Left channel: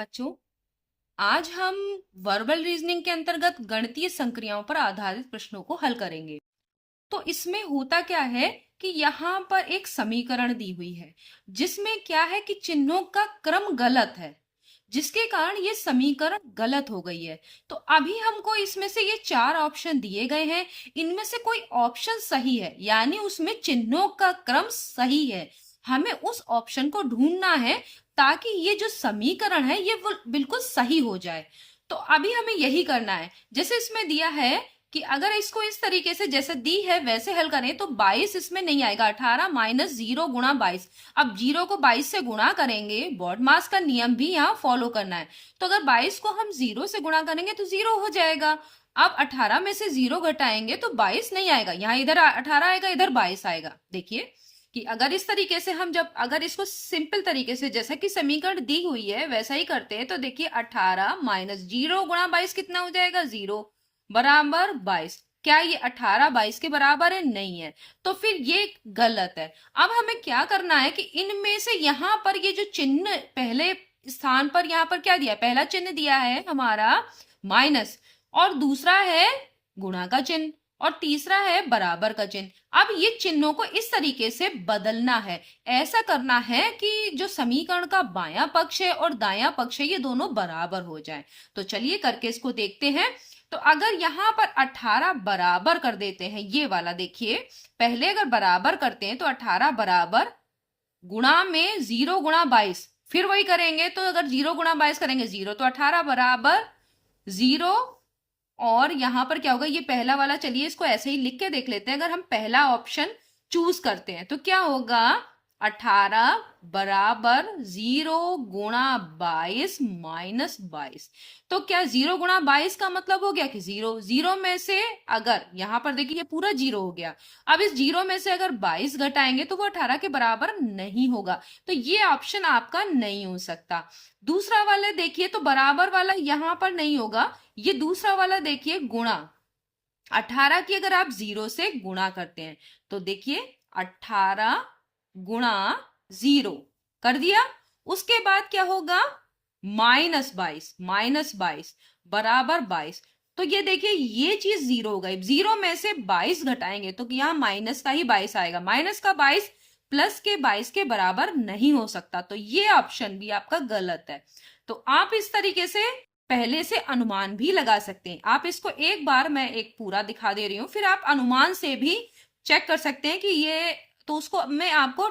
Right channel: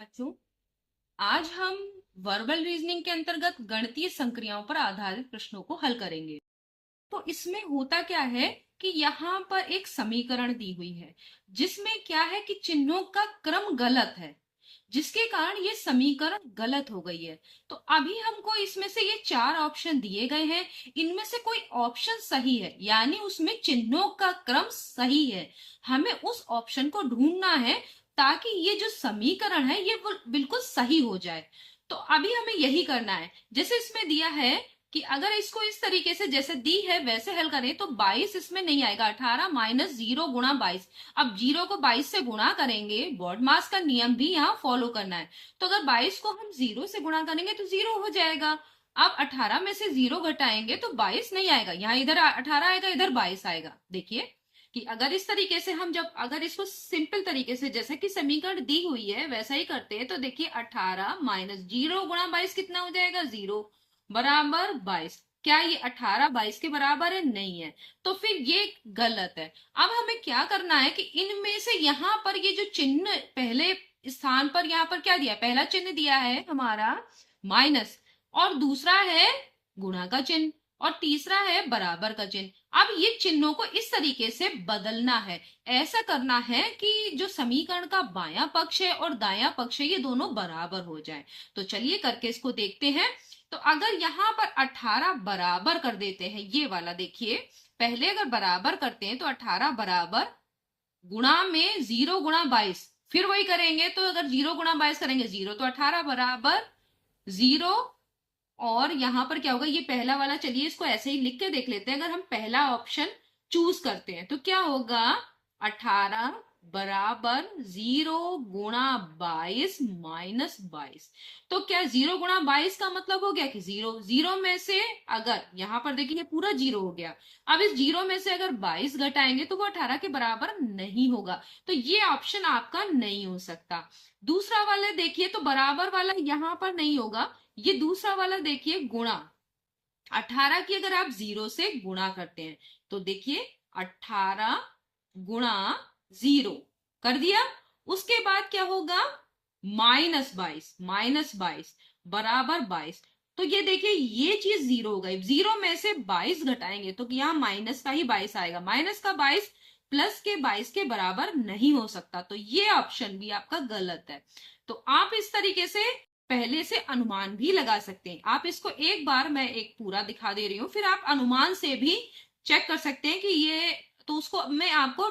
बच्चों, आज हम वर्बल रीजनिंग के अंतर्गत गणितीय संक्रियाओं पर आधारित प्रश्नों को हल करेंगे। तो इसमें होता क्या है कि यहाँ पर एक समीकरण दी हुई है जिसमें क्या है कि चिन्हों का क्रम गलत है, जिसके कारण ये समीकरण गलत हो गई है। तो अभी हमको इसमें से ये चार ऑप्शन दिए गए हैं, इनमें से कोई ऑप्शन सही है यानी उसमें चिन्हों का क्रम सही है, हमें उस ऑप्शन को ढूंढना है ताकि ये जो समीकरण है ये वो बिल्कुल सही हो जाए। तो अभी हमें यही करना है। जैसे इसमें दिया है कि अगर इसको इस तरीके से जैसे दी है वैसे हल करें तो 22 इसमें नहीं आएगा, 18 माइनस 0 गुणा 22। अब 0 को 22 से गुणा करेंगे, बॉड मास का नियम भी यहाँ फॉलो करना है। तो अगर 22 को हम 0 से गुणा करेंगे तो 0 हो जाएगा। अब 18 में से 0 घटाएंगे तो 22 नहीं आएगा, यहाँ इधर 18 आएगा, इधर 22 आएगा। देखिए कि अगर इस तरीके से हम जब अगर इसको सिंपल तरीके से जैसा कि समीकरण दी हुई है वैसा ही करते हैं तो देखिए 18 माइनस 0 गुणा 22 कितना हो जाएगा, 0 बराबर 22। क्या ये 18 22 के बराबर है? नहीं है, तो फिर ये गलत है। अब हमें क्या करना है कि इनमें से यहाँ पर ये जो चिन्ह पहले स्थान पर यहाँ पर क्या दिया, पहला चिन्ह दिया है हमारा माइनस, और दूसरा है गुणा का चिन्ह, और तीसरा है बराबर का चिन्ह। अब ये चिन्हों को इस तरीके से बदलना है, ऐसा करना है कि जो समीकरण का बायां पक्ष है और दायां पक्ष है ये दोनों बराबर हो जाए। तो चलिए करके इसको देखते हैं। तो अगर यहाँ पर 18 बराबर कर देते हैं, ये वाला देखिए, पहले अगर बराबर करते हैं तो 18 बराबर गुणा में 0 गुणा 22, फिर वही करेंगे तो अगर 0 गुणा 22 करेंगे 0, तो 18 बराबर 0। और यहां पर क्या होगा, ये पहला वाला, चलिए इसको ऐसे ही लिख के देख लेते हैं। अगर हम पहला ऑप्शन चूज करते हैं तो क्या होगा, 18 बराबर 0 गुणा 22 माइनस 22। तो क्या 0 गुणा 22 का मतलब हो गया कि 0, 0 में से अगर यहां पर देखिए ये पूरा 0 हो गया। अब इस 0 में से अगर 22 घटाएंगे तो वो 18 के बराबर नहीं होगा, तो ये ऑप्शन आपका नहीं हो सकता। दूसरा वाला देखिए तो बराबर वाला यहां पर नहीं होगा, ये दूसरा वाला देखिए गुणा, 18 की अगर आप 0 से गुणा करते हैं तो देखिए 18 गुणा 0 कर दिया, उसके बाद क्या होगा माइनस 22 बराबर 22। तो ये देखिए ये चीज 0 हो गई, 0 में से 22 घटाएंगे तो यहाँ माइनस का ही 22 आएगा, माइनस का 22 प्लस के 22 के बराबर नहीं हो सकता, तो ये ऑप्शन भी आपका गलत है। तो आप इस तरीके से पहले से अनुमान भी लगा सकते हैं। आप इसको एक बार मैं एक पूरा दिखा दे रही हूं, फिर आप अनुमान से भी चेक कर सकते हैं कि ये, तो उसको में आपको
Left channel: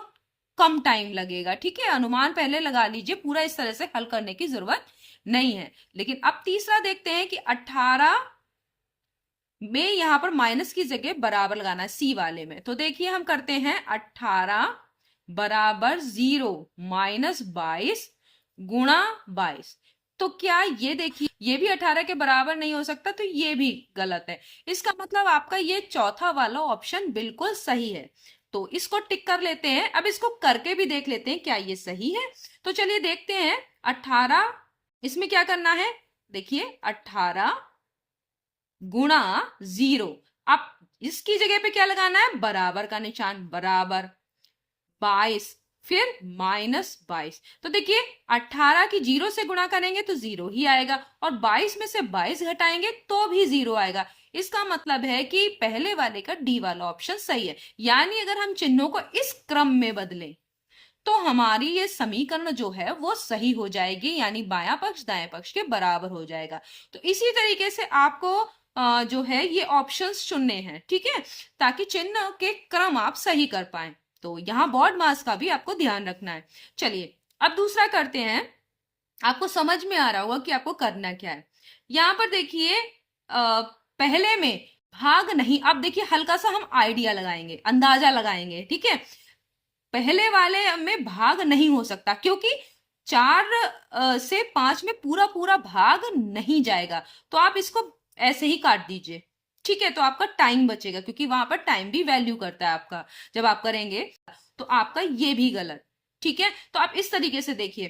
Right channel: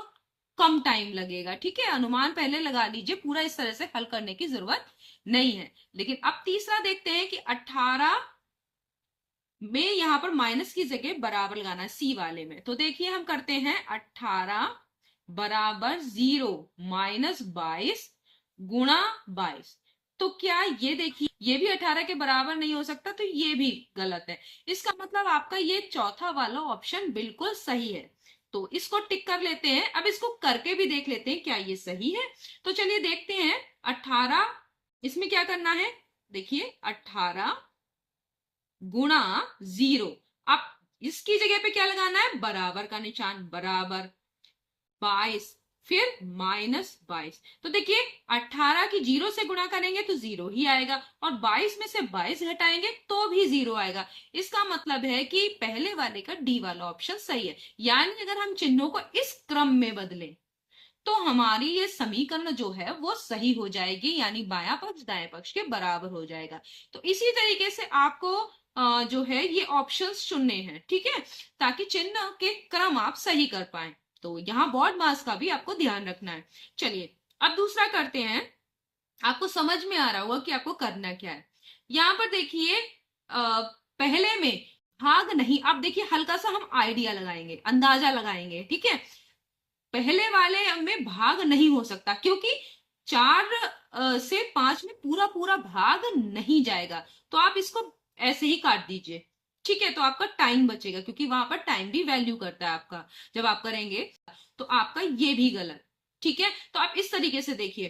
कम टाइम लगेगा, ठीक है। अनुमान पहले लगा लीजिए, पूरा इस तरह से हल करने की जरूरत नहीं है। लेकिन अब तीसरा देखते हैं कि 18 में यहां पर माइनस की जगह बराबर लगाना है सी वाले में। तो देखिए हम करते हैं 18 बराबर 0 माइनस 22 गुणा 22। तो क्या ये देखिए ये भी 18 के बराबर नहीं हो सकता, तो ये भी गलत है। इसका मतलब आपका ये चौथा वाला ऑप्शन बिल्कुल सही है। तो इसको टिक कर लेते हैं। अब इसको करके भी देख लेते हैं क्या ये सही है। तो चलिए देखते हैं 18, इसमें क्या करना है, देखिए 18 गुणा 0। अब इसकी जगह पे क्या लगाना है, बराबर का निशान, बराबर 22 फिर माइनस 22। तो देखिए 18 की 0 से गुणा करेंगे तो 0 ही आएगा, और 22 में से 22 घटाएंगे तो भी 0 आएगा। इसका मतलब है कि पहले वाले का डी वाला ऑप्शन सही है। यानी अगर हम चिन्हों को इस क्रम में बदलें तो हमारी ये समीकरण जो है वो सही हो जाएगी, यानी बायां पक्ष दाएं पक्ष के बराबर हो जाएगा। तो इसी तरीके से आपको जो है ये ऑप्शंस चुनने हैं, ठीक है, ताकि चिन्ह के क्रम आप सही कर पाए। तो यहाँ बॉड मास का भी आपको ध्यान रखना है। चलिए अब दूसरा करते हैं। आपको समझ में आ रहा होगा कि आपको करना क्या है। यहाँ पर देखिए पहले में भाग नहीं, अब देखिए हल्का सा हम आइडिया लगाएंगे, अंदाजा लगाएंगे, ठीक है। पहले वाले में भाग नहीं हो सकता क्योंकि 4 से 5 में पूरा पूरा भाग नहीं जाएगा, तो आप इसको ऐसे ही काट दीजिए, ठीक है। तो आपका टाइम बचेगा क्योंकि वहां पर टाइम भी वैल्यू करता है आपका जब आप करेंगे। तो आपका ये भी गलत, ठीक है। तो आप इस तरीके से देखिए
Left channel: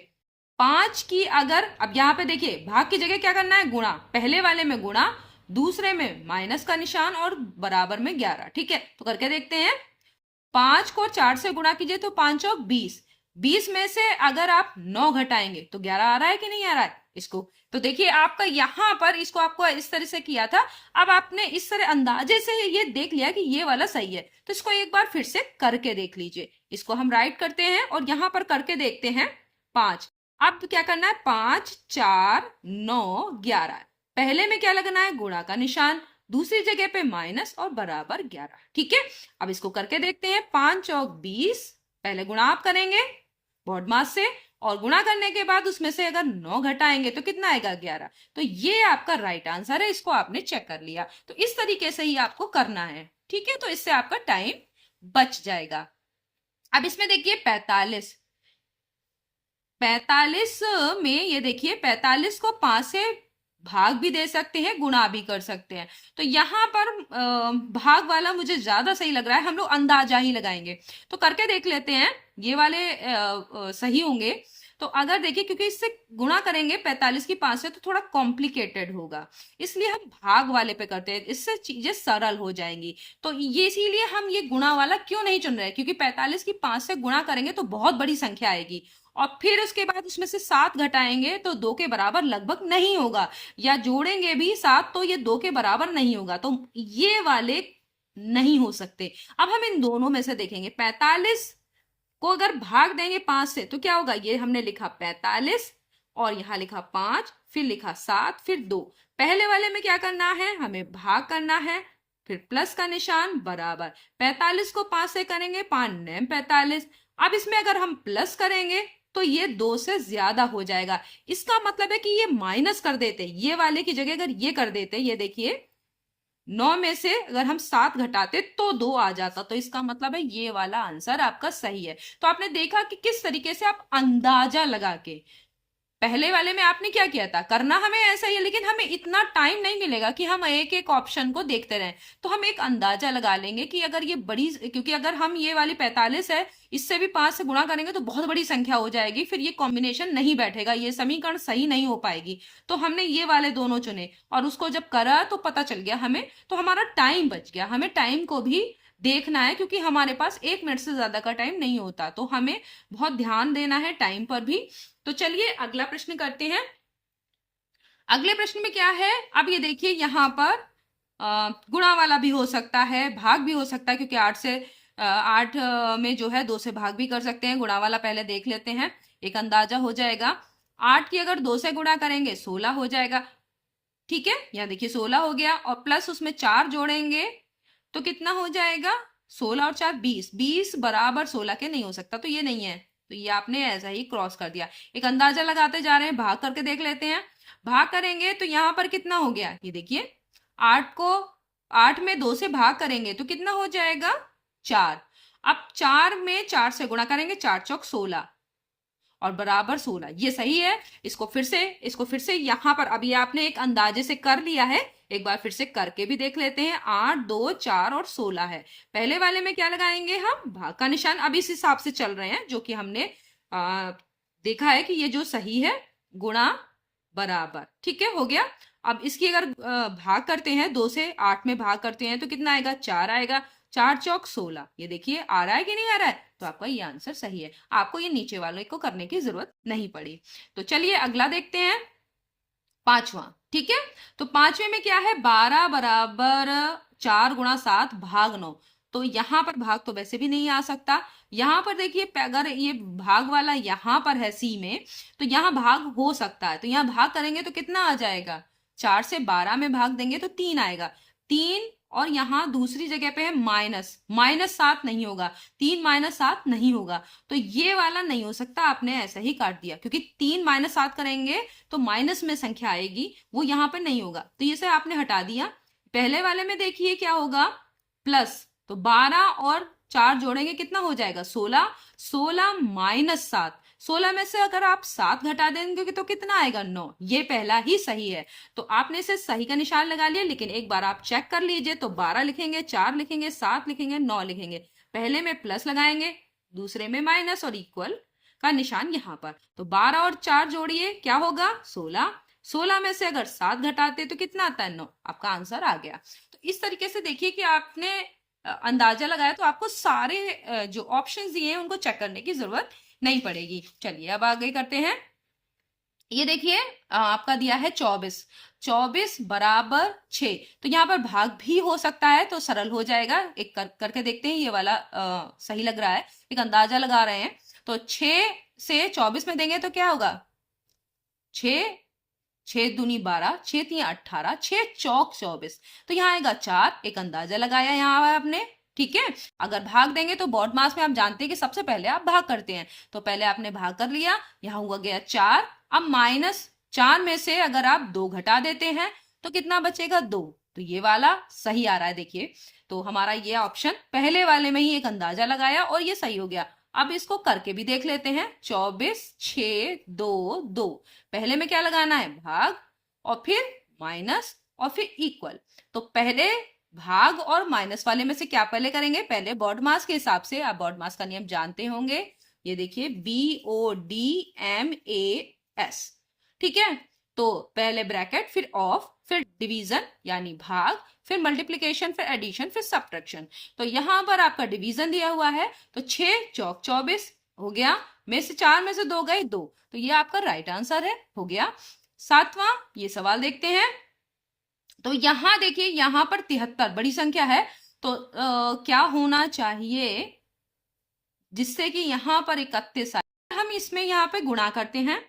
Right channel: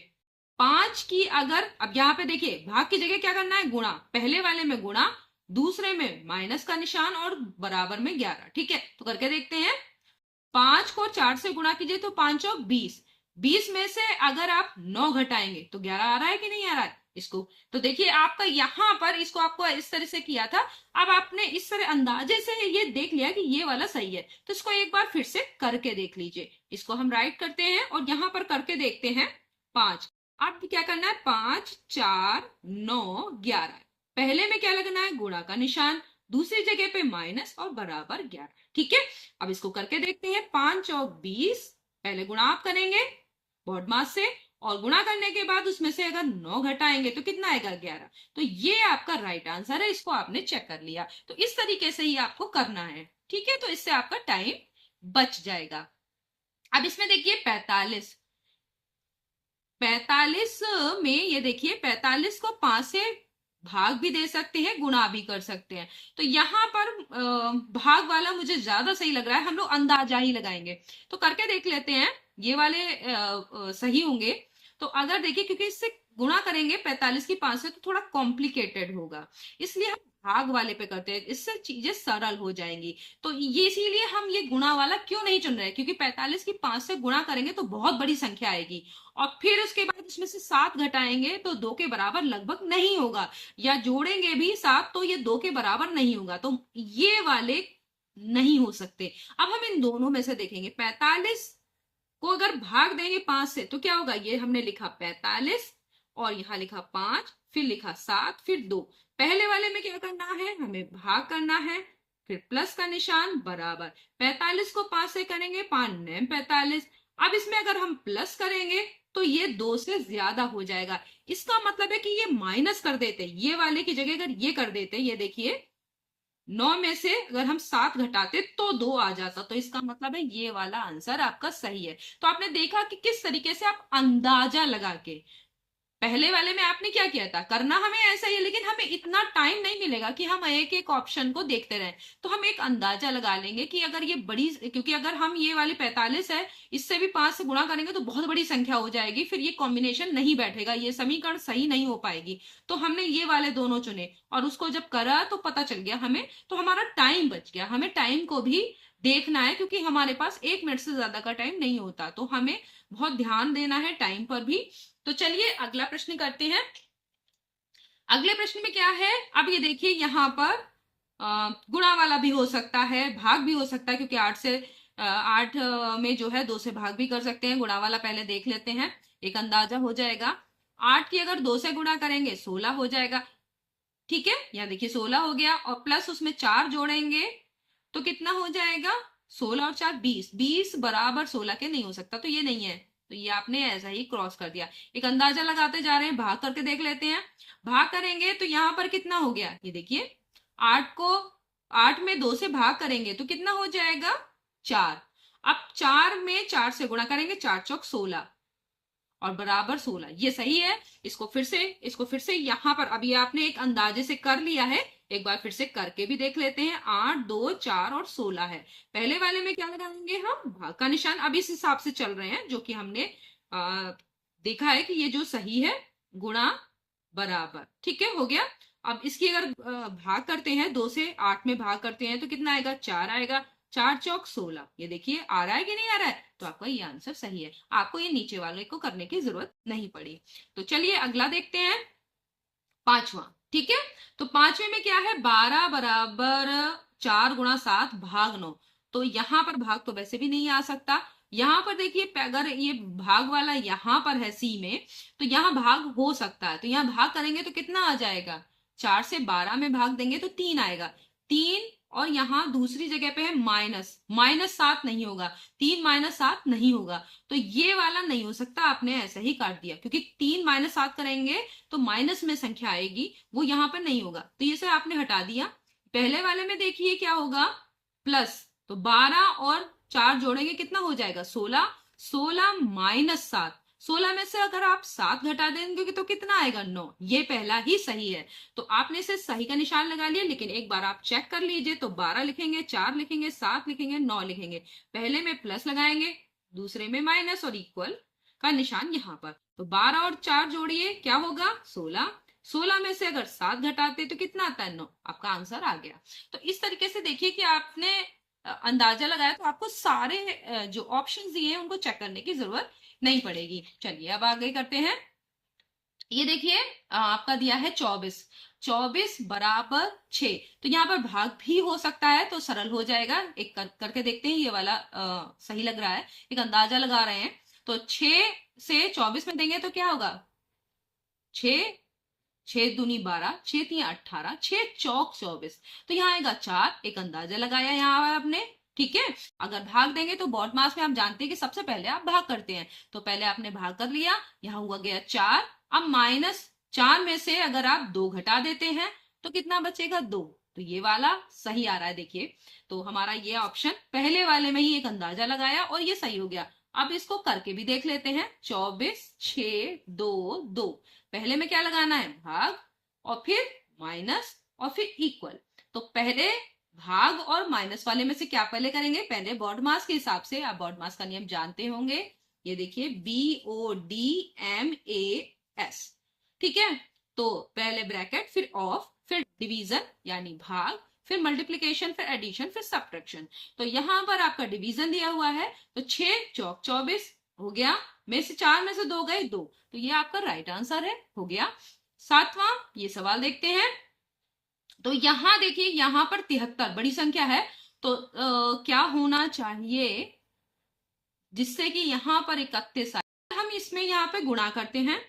5 की अगर, अब यहाँ पे देखिए भाग की जगह क्या करना है, गुणा, पहले वाले में गुणा, दूसरे में माइनस का निशान और बराबर में 11, ठीक है। तो करके देखते हैं, 5 को 4 से गुणा कीजिए तो 5 और 20, 20 में से अगर आप 9 घटाएंगे तो 11 आ रहा है कि नहीं आ रहा है इसको। तो देखिए आपका यहां पर इसको आपको इस तरह से किया था, अब आपने इस तरह अंदाजे से ये देख लिया कि ये वाला सही है, तो इसको एक बार फिर से करके देख लीजिए। इसको हम राइट करते हैं और यहां पर करके देखते हैं 5। अब क्या करना है, 5 4 9 11। पहले में क्या लगना है, गुणा का निशान, दूसरी जगह पे माइनस और बराबर 11। ठीक है, अब इसको करके देखते हैं। 5 चौक 20, पहले गुणा आप करेंगे बॉड मास से, और गुणा करने के बाद उसमें से अगर 9 घटाएंगे तो कितना आएगा, 11। तो ये आपका राइट आंसर है, इसको आपने चेक कर लिया। तो इस तरीके से ही आपको करना है। ठीक है, तो इससे आपका टाइम बच जाएगा। अब इसमें देखिए 45, 45 में ये देखिए 45 को 5 से भाग भी दे सकते हैं, गुणा भी कर सकते हैं। तो यहाँ पर भाग वाला मुझे ज्यादा सही लग रहा है, हम लोग अंदाजा ही लगाएंगे। तो करके देख लेते हैं, ये वाले सही होंगे। तो अगर देखिए, क्योंकि इससे गुणा करेंगे 45 की 5 से तो थोड़ा कॉम्प्लिकेटेड होगा, इसलिए हम भाग वाले पे करते हैं, इससे चीजें सरल हो जाएंगी। तो ये इसीलिए हम ये गुणा वाला क्यों नहीं चुन रहे, क्योंकि 45 की 5 से गुणा करेंगे तो बहुत बड़ी संख्या आएगी, और फिर उसके बाद उसमें से 7 घटाएंगे तो 2 के बराबर लगभग नहीं होगा, या जोड़ेंगे भी 7 तो ये 2 के बराबर नहीं होगा। तो ये वाले नहीं हो सकते। अब हम इन दोनों में से देखेंगे, 45 को अगर भाग देंगे 5 से तो क्या होगा, ये हमने लिखा 45 और यहां लिखा 5, फिर लिखा 7, फिर 2। पहले वाले में क्या करना है, हमें भाग करना है, फिर प्लस का निशान बराबर। 45 को 5 से करेंगे, 5 9 45। अब इसमें अगर हम प्लस करेंगे तो ये 2 से ज्यादा हो जाएगा, इसका मतलब है कि ये माइनस कर देते, ये वाले की जगह अगर ये कर देते, ये देखिए 9 में से अगर हम 7 घटाते तो 2 आ जाता, तो इसका मतलब है ये वाला आंसर आपका सही है। तो आपने देखा कि किस तरीके से आप अंदाजा लगा के, पहले वाले में आपने क्या किया था, करना हमें ऐसा ही है, लेकिन हमें इतना टाइम नहीं मिलेगा कि हम एक एक ऑप्शन को देखते रहें। तो हम एक अंदाजा लगा लेंगे कि अगर ये बड़ी, क्योंकि अगर हम ये वाली 45 है, इससे भी 5 से गुणा करेंगे तो बहुत बड़ी संख्या हो जाएगी, फिर ये कॉम्बिनेशन नहीं बैठेगा, ये समीकरण सही नहीं हो पाएगी। तो हमने ये वाले दोनों चुने और उसको जब करा तो पता चल गया हमें, तो हमारा टाइम बच गया। हमें टाइम को भी देखना है, क्योंकि हमारे पास 1 मिनट से ज्यादा का टाइम नहीं होता, तो हमें बहुत ध्यान देना है टाइम पर भी। तो चलिए अगला प्रश्न करते हैं। अगले प्रश्न में क्या है, अब ये देखिए यहाँ पर गुणा वाला भी हो सकता है, भाग भी हो सकता है, क्योंकि 8 से 8 में जो है 2 से भाग भी कर सकते हैं। गुणा वाला पहले देख लेते हैं, एक अंदाजा हो जाएगा। 8 की अगर 2 से गुणा करेंगे 16 हो जाएगा। ठीक है, यहाँ देखिए 16 हो गया, और प्लस उसमें 4 जोड़ेंगे तो कितना हो जाएगा, 16 और 4 20, 20 बराबर 16 के नहीं हो सकता, तो ये नहीं है, तो ये आपने ऐसा ही क्रॉस कर दिया। एक अंदाजा लगाते जा रहे हैं, भाग करके देख लेते हैं। भाग करेंगे तो यहाँ पर कितना हो गया, ये देखिए 8 को 8 में 2 से भाग करेंगे तो कितना हो जाएगा, 4। अब 4 में 4 से गुणा करेंगे, 4 चौक 16 और बराबर 16, ये सही है। इसको फिर से यहां पर अभी आपने एक अंदाजे से कर लिया है, एक बार फिर से करके भी देख लेते हैं। 8 2 4 और 16 है। पहले वाले में क्या लगाएंगे, हम भाग का निशान अभी इस हिसाब से चल रहे हैं जो कि हमने देखा है कि ये जो सही है, गुणा बराबर। ठीक है, हो गया। अब इसकी अगर भाग करते हैं, 2 से 8 में भाग करते हैं तो कितना आएगा, 4 आएगा। 4 चौक 16, ये देखिए आ रहा है कि नहीं आ रहा है, तो आपका ये आंसर सही है। आपको ये नीचे वाले को करने की जरूरत नहीं पड़ी। तो चलिए अगला देखते हैं, पांचवा। ठीक है, तो पांचवे में क्या है, 12 बराबर 4 गुणा 7 भाग 9। तो यहां पर भाग तो वैसे भी नहीं आ सकता। यहां पर देखिए, अगर ये भाग वाला यहां पर है सी में, तो यहां भाग हो सकता है, तो यहां भाग करेंगे तो कितना आ जाएगा, 4 से 12 में भाग देंगे तो 3 आएगा। 3, और यहां दूसरी जगह पे है माइनस, -7 नहीं होगा, 3 -7 नहीं होगा, तो ये वाला नहीं हो सकता। आपने ऐसा ही काट दिया, क्योंकि 3 -7 करेंगे तो माइनस में संख्या आएगी, वो यहां पर नहीं होगा, तो ये सब आपने हटा दिया। पहले वाले में देखिए क्या होगा, प्लस, तो 12 और 4 जोड़ेंगे कितना हो जाएगा, 16। 16 -7, 16 में से अगर आप 7 घटा देंगे तो कितना आएगा, 9। ये पहला ही सही है, तो आपने इसे सही का निशान लगा लिया। लेकिन एक बार आप चेक कर लीजिए, तो 12 लिखेंगे, 4 लिखेंगे, 7 लिखेंगे, 9 लिखेंगे। पहले में प्लस लगाएंगे, दूसरे में माइनस, और इक्वल का निशान यहाँ पर। तो 12 और 4 जोड़िए, क्या होगा, 16। 16 में से अगर 7 घटाते तो कितना आता है, 9। आपका आंसर आ गया। तो इस तरीके से देखिए कि आपने अंदाजा लगाया तो आपको सारे जो ऑप्शंस दिए हैं उनको चेक करने की जरूरत नहीं पड़ेगी। चलिए अब आगे करते हैं। ये देखिए आपका दिया है 24, 24 बराबर 6। तो यहाँ पर भाग भी हो सकता है, तो सरल हो जाएगा। एक करके देखते हैं, ये वाला सही लग रहा है, एक अंदाजा लगा रहे हैं। तो 6 से 24 में देंगे तो क्या होगा, 6, 6 दूनी 12, 6 3 18, 6 चौक 24। तो यहाँ आएगा 4, एक अंदाजा लगाया यहाँ आपने। ठीक है, अगर भाग देंगे तो बॉड मास में आप जानते हैं कि सबसे पहले आप भाग करते हैं, तो पहले आपने भाग कर लिया, यहाँ हुआ गया 4। अब -4 में से अगर आप 2 घटा देते हैं तो कितना बचेगा, 2। तो ये वाला सही आ रहा है, देखिए। तो हमारा ये ऑप्शन पहले वाले में ही एक अंदाजा लगाया और ये सही हो गया। अब इसको करके भी देख लेते हैं। 24, 6, 2, 2। पहले में क्या लगाना है, भाग, और फिर माइनस, और फिर इक्वल। तो पहले भाग और माइनस वाले में से क्या पहले करेंगे, पहले बॉड मास के हिसाब से। आप बॉड मास का नियम जानते होंगे, ये देखिए BODMAS। ठीक है, तो पहले ब्रैकेट, फिर ऑफ, फिर डिवीजन यानी भाग, फिर मल्टीप्लीकेशन, फिर एडिशन, फिर सब्ट्रैक्शन। तो यहां पर आपका डिवीजन दिया हुआ है, तो 6 चौक 24 हो गया, में से 4 में से 2 गए, 2। तो ये आपका राइट आंसर है, हो गया। 7वां ये सवाल देखते हैं। तो यहां देखिए, यहां पर 73 बड़ी संख्या है, तो क्या होना चाहिए जिससे कि यहां पर 31 आए। हम इसमें यहाँ पे गुणा करते हैं।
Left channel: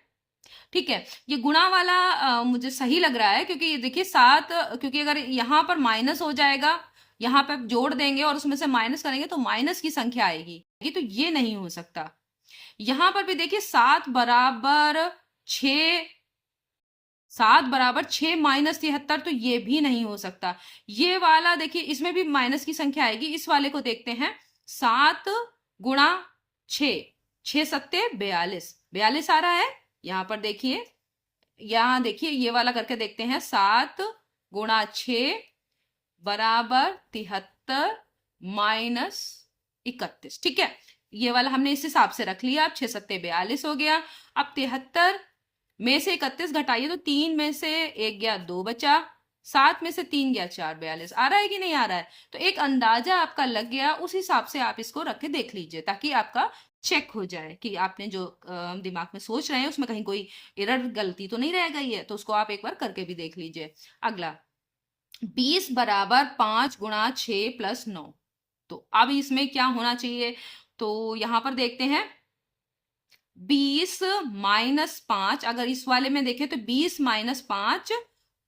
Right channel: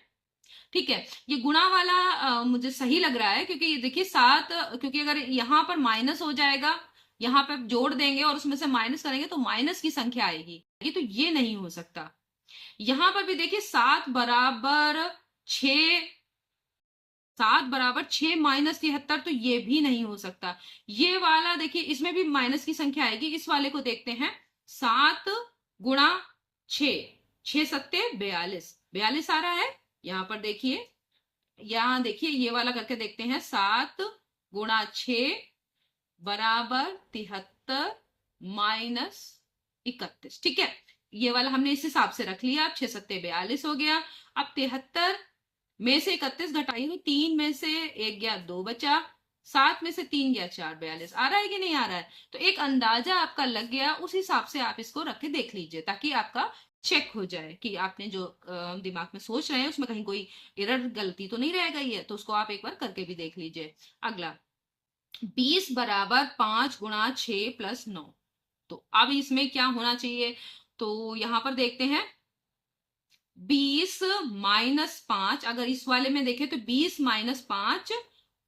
ठीक है, ये गुणा वाला मुझे सही लग रहा है, क्योंकि ये देखिए 7, क्योंकि अगर यहाँ पर माइनस हो जाएगा, यहाँ पर जोड़ देंगे और उसमें से माइनस करेंगे तो माइनस की संख्या आएगी, तो ये नहीं हो सकता। यहां पर भी देखिए 7 बराबर 6, 7 बराबर 6 माइनस 73, तो ये भी नहीं हो सकता। ये वाला देखिए, इसमें भी माइनस की संख्या आएगी। इस वाले को देखते हैं, 7 गुणा 6, 6 सत्ते 42, 42 आ रहा है। यहां पर देखिए, यहां देखिए ये वाला करके देखते हैं, 7 गुणा 6 बराबर 73 माइनस 31। ठीक है, ये वाला हमने इस हिसाब से रख लिया। अब 6 सत्ते 42 हो गया। अब 73 में से 31 घटाइए, तो 3 में से 1 गया, 2 बचा, 7 में से 3 गया, 4, 42 आ रहा है कि नहीं आ रहा है। तो एक अंदाजा आपका लग गया, उस हिसाब से आप इसको रख के देख लीजिए, ताकि आपका चेक हो जाए कि आपने जो दिमाग में सोच रहे हैं उसमें कहीं कोई एरर, गलती तो नहीं रह गई है। तो उसको आप एक बार करके भी देख लीजिए। अगला, 20 बराबर 5 गुणा 6 प्लस 9। तो अब इसमें क्या होना चाहिए, तो यहां पर देखते हैं, 20 माइनस 5, अगर इस वाले में देखें तो 20 माइनस 5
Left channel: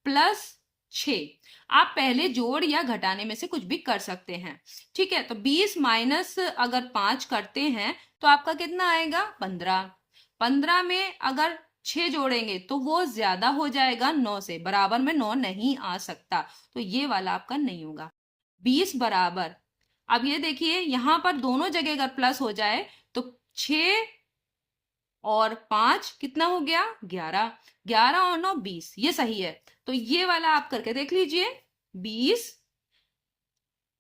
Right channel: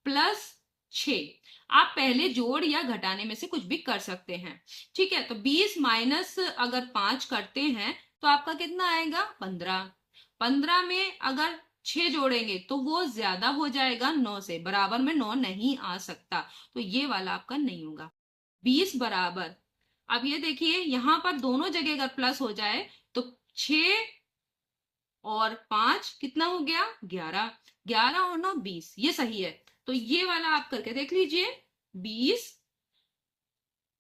प्लस 6। आप पहले जोड़ या घटाने में से कुछ भी कर सकते हैं। ठीक है, तो 20 माइनस अगर 5 करते हैं तो आपका कितना आएगा, 15। 15 में अगर 6 जोड़ेंगे तो वो ज्यादा हो जाएगा 9 से, बराबर में 9 नहीं आ सकता, तो ये वाला आपका नहीं होगा। 20 बराबर, अब ये देखिए यहां पर दोनों जगह अगर प्लस हो जाए तो 6 और 5 कितना हो गया, 11। 11 और 9 20, ये सही है। तो ये वाला आप करके देख लीजिए, 20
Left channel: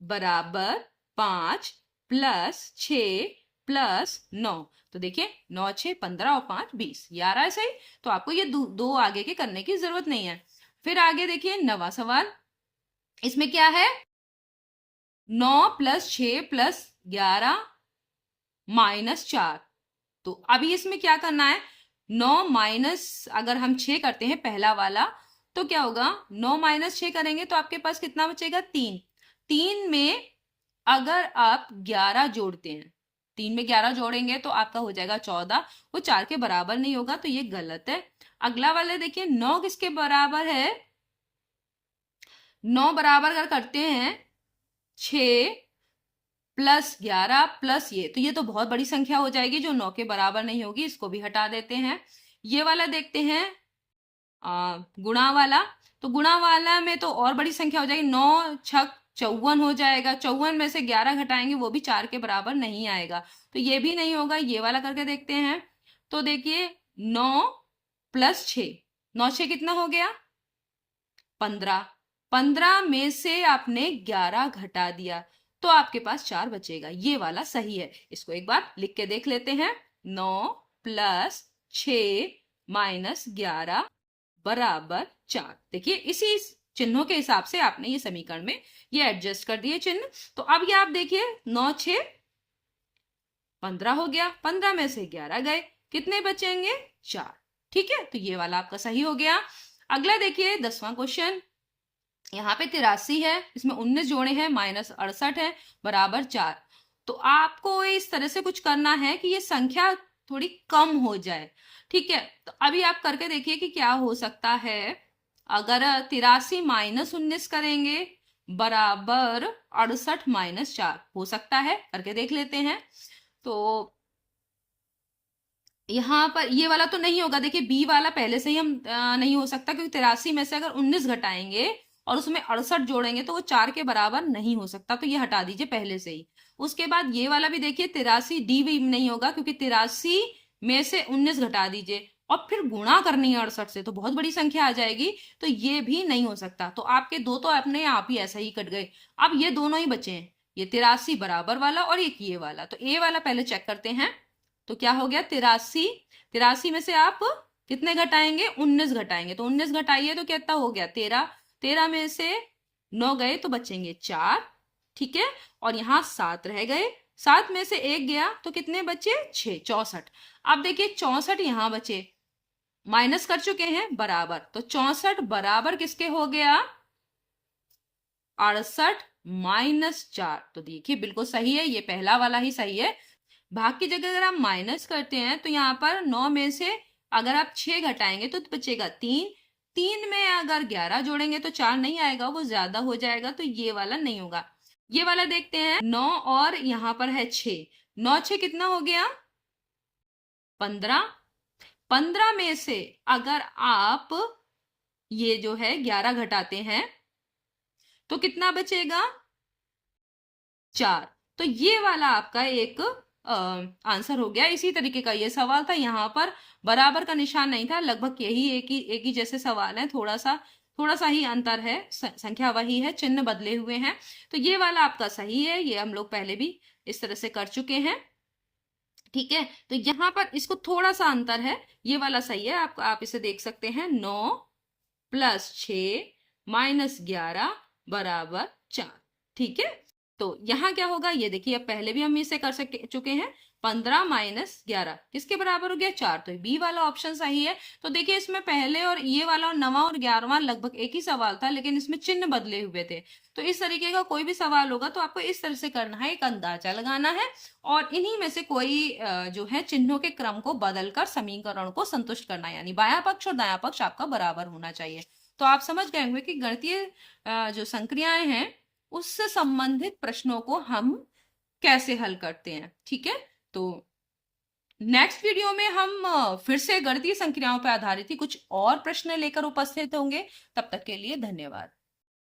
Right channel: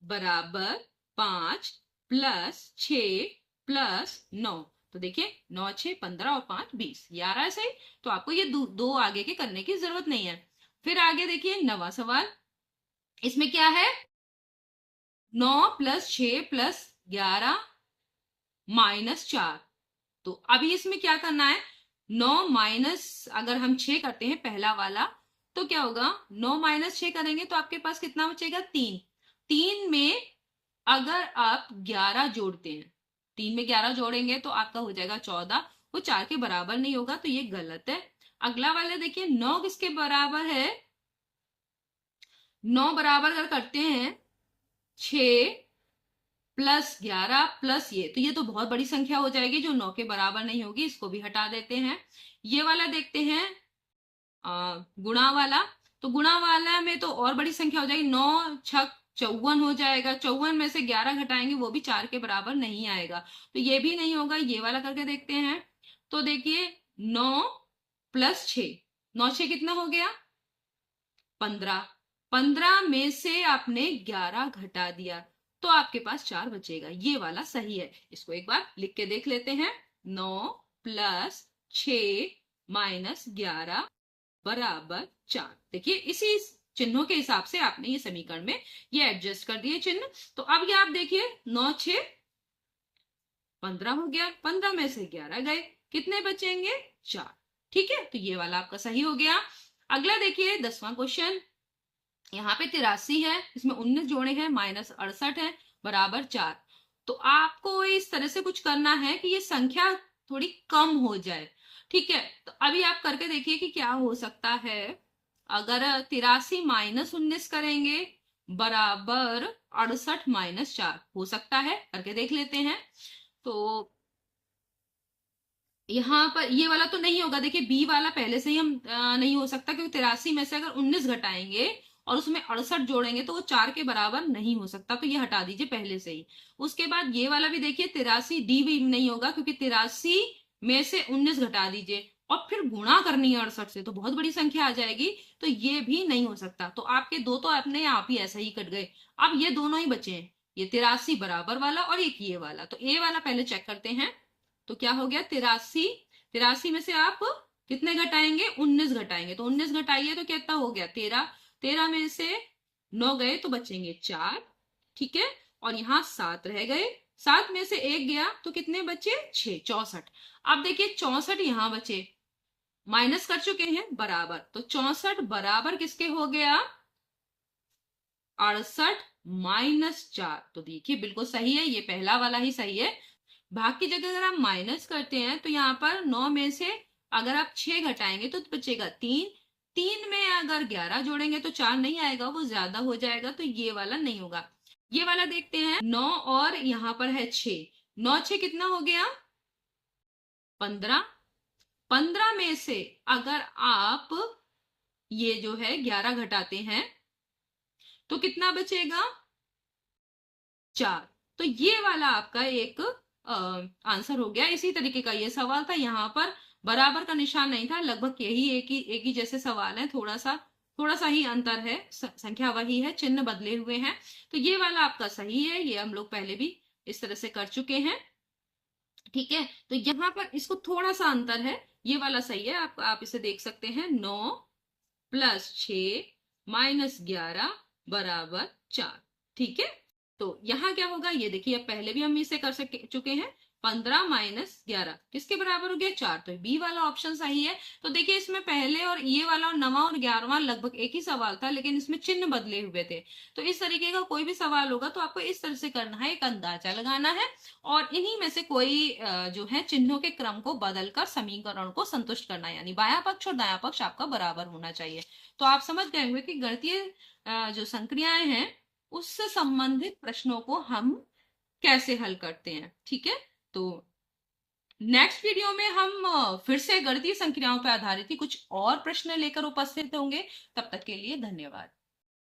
बराबर 5 प्लस 6 प्लस 9। तो देखिए 9 6 15 और 5 20, ये आ रहा है सही। तो आपको ये दो आगे के करने की जरूरत नहीं है। फिर आगे देखिए 9वां सवाल, इसमें क्या है, 9 प्लस 6 प्लस 11 माइनस 4। तो अभी इसमें क्या करना है, 9 माइनस अगर हम 6 करते हैं पहला वाला, तो क्या होगा, 9 माइनस 6 करेंगे तो आपके पास कितना बचेगा, 3। 3 में अगर आप 11 जोड़ते हैं, 3 में 11 जोड़ेंगे तो आपका हो जाएगा 14, वो 4 के बराबर नहीं होगा, तो ये गलत है। अगला वाले देखिए, 9 किसके बराबर है, 9 बराबर अगर करते हैं 6 प्लस 11 प्लस ये तो बहुत बड़ी संख्या हो जाएगी जो 9 के बराबर नहीं होगी, इसको भी हटा देते हैं। ये वाला देखते हैं गुणा वाला, तो गुणा वाला में तो और बड़ी संख्या हो जाएगी, 9 छक 54 हो जाएगा। 54 में से 11 घटाएंगे वो भी 4 के बराबर नहीं आएगा, तो ये भी नहीं होगा। ये वाला करके देखते हैं, तो देखिए 9 प्लस 6, 9 6 कितना हो गया, 15। 15 में से आपने 11 घटा दिया तो आपके पास 4 बचेगा, ये वाला सही है। इसको एक बार लिख के देख लेते हैं, 9 प्लस 6 माइनस 11 बराबर 4। देखिए इसी चिन्हों के हिसाब से आपने ये समीकरण में ये एडजस्ट कर दिए चिन्ह। तो अब ये आप देखिए 9 6 15 हो गया, 15 में से 11 गए, कितने बचेंगे 4। ठीक है, तो ये वाला आपका सही हो गया। अगला देखिए 10वां क्वेश्चन, यहाँ पे 83 है, इसमें 19 जोड़े हैं, -68 है, बराबर 4। तो आपको इस तरह से कुछ करना है कि ये संख्या थोड़ी कम हो जाए। ठीक है, तो अभी आप करके देखिए कि क्या हो सकता है। अगर 83 -19 करेंगे बराबर 68 -4 हो सकता है, करके देख लेते हैं। तो यहाँ पर ये वाला तो नहीं होगा, देखिए बी वाला पहले से ही हम नहीं हो सकता, क्योंकि 83 में से अगर 19 घटाएंगे और उसमें 68 जोड़ेंगे तो वो 4 के बराबर नहीं हो सकता, तो ये हटा दीजिए पहले से ही। उसके बाद ये वाला भी देखिए 83 डी भी नहीं होगा, क्योंकि 83 में से 19 घटा दीजिए और फिर गुणा करनी है 68 से, तो बहुत बड़ी संख्या आ जाएगी, तो ये भी नहीं हो सकता। तो आपके दो तो अपने आप ही ऐसा ही कट गए। अब ये दोनों ही बचे हैं, ये 83 बराबर वाला और एक ये वाला। तो ए वाला पहले चेक करते हैं। तो क्या हो गया 83, 83 में से आप कितने घटाएंगे 19 घटाएंगे, तो 19 घटाइए तो कितना हो गया 13, 13 में से 9 गए तो बचेंगे 4। ठीक है, और यहाँ 7 रह गए, 7 में से 1 गया तो कितने बचे 6, 64। अब देखिए 64 यहाँ बचे, माइनस कर चुके हैं बराबर, तो 64 बराबर किसके हो गया 68 -4। तो देखिए बिल्कुल सही है, ये पहला वाला ही सही है। भाग की जगह अगर आप माइनस करते हैं तो यहाँ पर 9 में से अगर आप 6 घटाएंगे तो बचेगा 3, 3 में अगर 11 जोड़ेंगे तो 4 नहीं आएगा, वो ज्यादा हो जाएगा, तो ये वाला नहीं होगा। ये वाला देखते हैं, 9 और यहाँ पर है 6, 9 6 कितना हो गया 15, 15 में से अगर आप ये जो है 11 घटाते हैं तो कितना बचेगा 4। तो ये वाला आपका एक आंसर हो गया। इसी तरीके का ये सवाल था, यहाँ पर बराबर का निशान नहीं था, लगभग यही एक ही जैसे सवाल है, थोड़ा सा ही अंतर है, संख्या वही है, चिन्ह बदले हुए हैं। तो ये वाला आपका सही है, ये हम लोग पहले भी इस तरह से कर चुके हैं। ठीक है, तो यहाँ पर इसको थोड़ा सा अंतर है, ये वाला सही है, आप इसे देख सकते हैं, 9 + 6 -11 बराबर 4। ठीक है, तो यहाँ क्या होगा ये देखिए, अब पहले भी हम इसे कर चुके हैं, 15 -11 किसके बराबर हो गया 4, तो बी वाला ऑप्शन सही है। तो देखिए इसमें पहले और ये वाला 9वां और 11वां लगभग एक ही सवाल था, लेकिन इसमें चिन्ह बदले हुए थे। तो इस तरीके का कोई भी सवाल होगा तो आपको इस तरह से करना है, एक अंदाजा लगाना है और इन्हीं में से कोई जो है चिन्हों के क्रम को बदलकर समीकरण को संतुष्ट करना है, यानी बायां पक्ष और दायां पक्ष आपका बराबर होना चाहिए। तो आप समझ गए होंगे कि गणितीय जो संक्रियाएं हैं उससे संबंधित प्रश्नों को हम कैसे हल करते हैं। ठीक है, तो नेक्स्ट वीडियो में हम फिर से गणितीय संक्रियाओं पर आधारित ही कुछ और प्रश्न लेकर उपस्थित होंगे। तब तक के लिए धन्यवाद।